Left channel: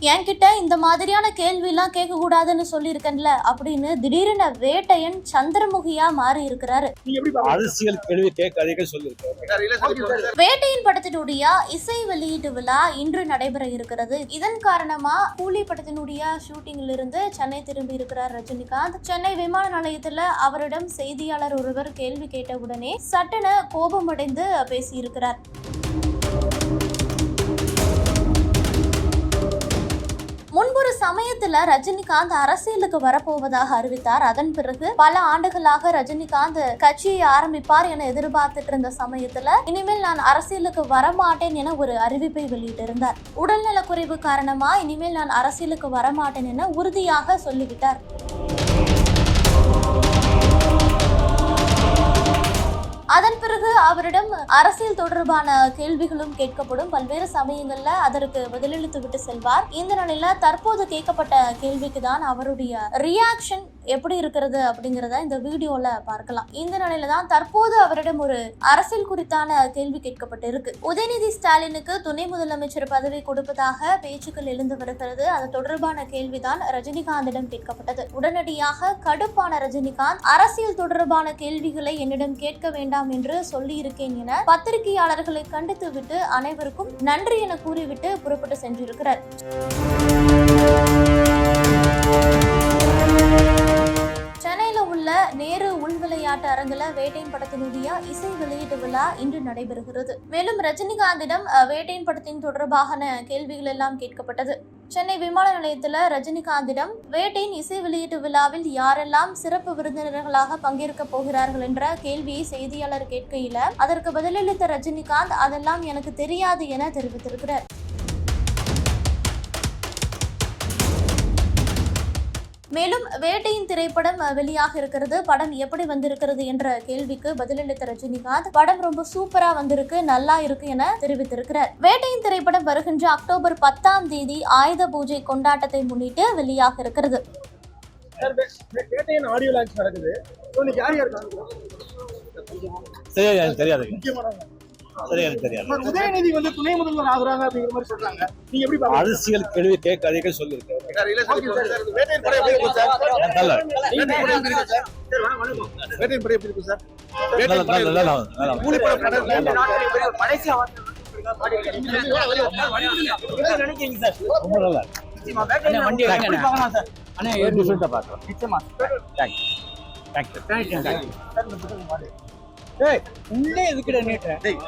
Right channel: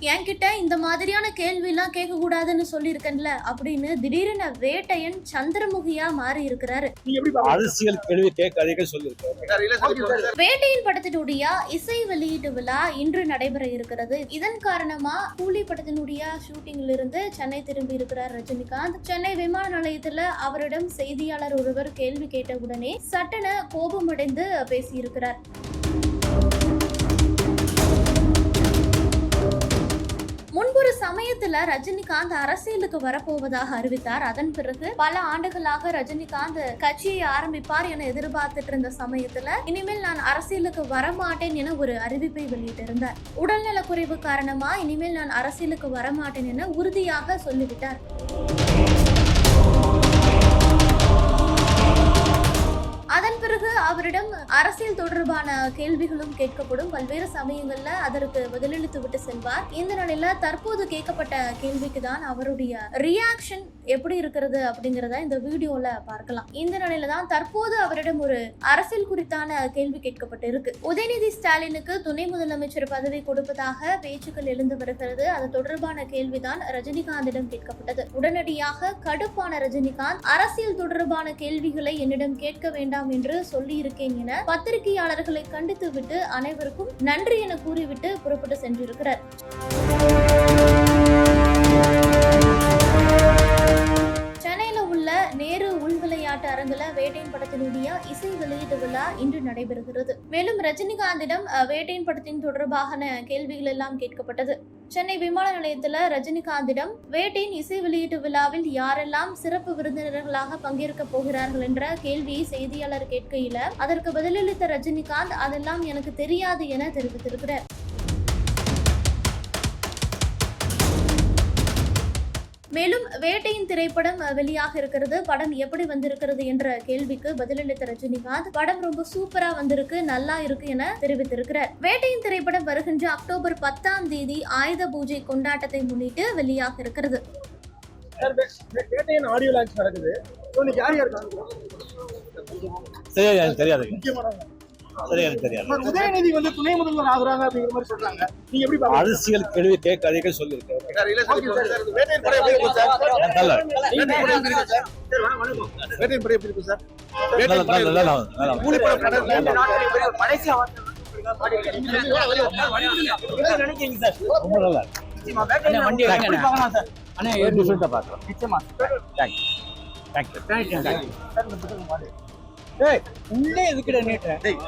என்கிட்ட இந்த மாதிரியான கேள்விலாம் கேட்க கூடாதுன்னு சொல்லியிருக்கேன்ல அப்படின்னு திடீரென வேட்டையன் சந்திரமுகியா மாறி இருக்கிறாரு. அரசியல் கேள்வி கேட்காதீங்க சொல்லியிருக்காரு. வேட்டையின் படத்தினுடைய இசை வெளியீட்டு விழா இன்று நடைபெற இருக்கிறது. இதன் காரணமா கூலி படத்தினுடைய ஷூட்டிங்ல இருந்து சென்னை திரும்பி இருக்கிறார் ரஜினிகாந்த். சென்னை விமான நிலையத்துல அவரிடம் செய்தியாளர் ஒருவர் கேள்வி கேட்டவுடனே சட்டென கோபமடைந்து பேசியிருக்கிறார். சமயத்துல ரஜினிகாந்த் அரசியலுக்கு வரப்போவதாக அறிவித்தார். அதன் பிறகு பல ஆண்டுகளாக ரஜினிகாந்த் கட்சியை ஆரம்பிப்பார் என எதிர்பார்த்துட்டு இருந்த சமயத்துல இனிமேல் நான் அரசியலுக்கு வரமாட்டேன் என ஒரு அறிவிப்பை வெளியிட்டிருந்தார். உடல்நல குறைவு காரணமா இனிமேல் நான் அரசியலுக்கு வரமாட்டேன் என உறுதியாக சொல்லிவிட்டார். அதன் பிறகு அவரிடம் அரசியல் தொடர்பான கேள்விகளும் கேட்கப்படும். பல்வேறு சமயங்கள்ல அதற்கு பதிலளித்து விட்டு செல்வார். இந்த நிலையில தற்போது கேட்கப்பட்ட கேள்விக்கு தான் அவருடைய ரியாக்ஷன் எப்படி இருக்கிறது அப்படிங்கிறத இந்த வீடியோல பார்க்கலாம். இந்த நிலையில தான் தற்போது அவரிடம் ஒரு அரசியல் குறித்தான கேள்வி கேட்கப்பட்டு இருக்கு உதயநிதி ஸ்டாலினுக்கு துணை முதலமைச்சர் பதவி கொடுப்பதாக பேச்சுக்கள் எழுந்து வருகிறது. அது தொடர்பான கேள்விதான் ரஜினிகாந்திடம் கேட்கப்பட்டது. உடனடியாக கடுப்பான ரஜினிகாந்த் அரசியல் தொடர்பான கேள்விகளை என்னிடம் கேட்க வேண்டாம் என்று சொல்லியிருக்கேன் என பத்திரிகையாளர்களை கண்டித்து விட்டு அனைவருக்கும் நன்றி என கூறிவிட்டு புறப்பட்டு சென்றிருக்கிறார். உள்ள நேரு உள் விளையாட்டு அரங்குல வேட்டையின் படத்தினுடைய இசை வெளியீட்டு விழா இன்று நடைபெறுகிறது. மேலும் ரஜினிகாந்திடம் வேட்டையின் படத்தின் தொடர்பான கேள்விகள் எல்லாம் கேட்கப்பட்டது. சென்னை விமான நிலையத்தில் ரஜினிகாந்திடம் வேட்டையின் இசை வெளியீட்டு விழாவில் யாரெல்லாம் சிறப்பு விருந்தினர்களாக பங்கேற்க போகிறார்கள் என்ற கேள்வியை செய்தியாளர் கேட்கையில் அதற்கு பதிலளித்த ரஜினிகாந்த் அதெல்லாம் எனக்கு தெரியாது என தெரிவித்திருக்கிறார். மேலும் வேட்டையின் திரைப்படம் வெளியாக இருக்கிறது. படம் எப்படி வந்திருக்கிறது என்ற கேள்விக்கு பதிலளித்த ரஜினிகாந்த் படம் ரொம்ப சூப்பரா வந்திருக்கு நல்லா இருக்கு என தெரிவித்திருக்கிறார். வேட்டையின் திரைப்படம் வருகின்ற அக்டோபர் பத்தாம் தேதி ஆயுத பூஜை கொண்டாட்டத்தை முன்னிட்டு வெளியாக இருக்கிறது. வேட்டையின் சரியா தெரியாது. உதயநிதி வந்து துணை முதல்வர் ஆகுறாங்க அப்படிங்கிற மாதிரி சொல்றாங்க. நீங்க எப்படி பாக்குறீங்க? அரசியல் கேள்வி நினைக்கிறீங்க சார் ரொம்ப நல்லா. நிச்சயமா, வண்டி. தேங்க்யூ. ஏய் உள்ளே எதுக்குடா டேய்.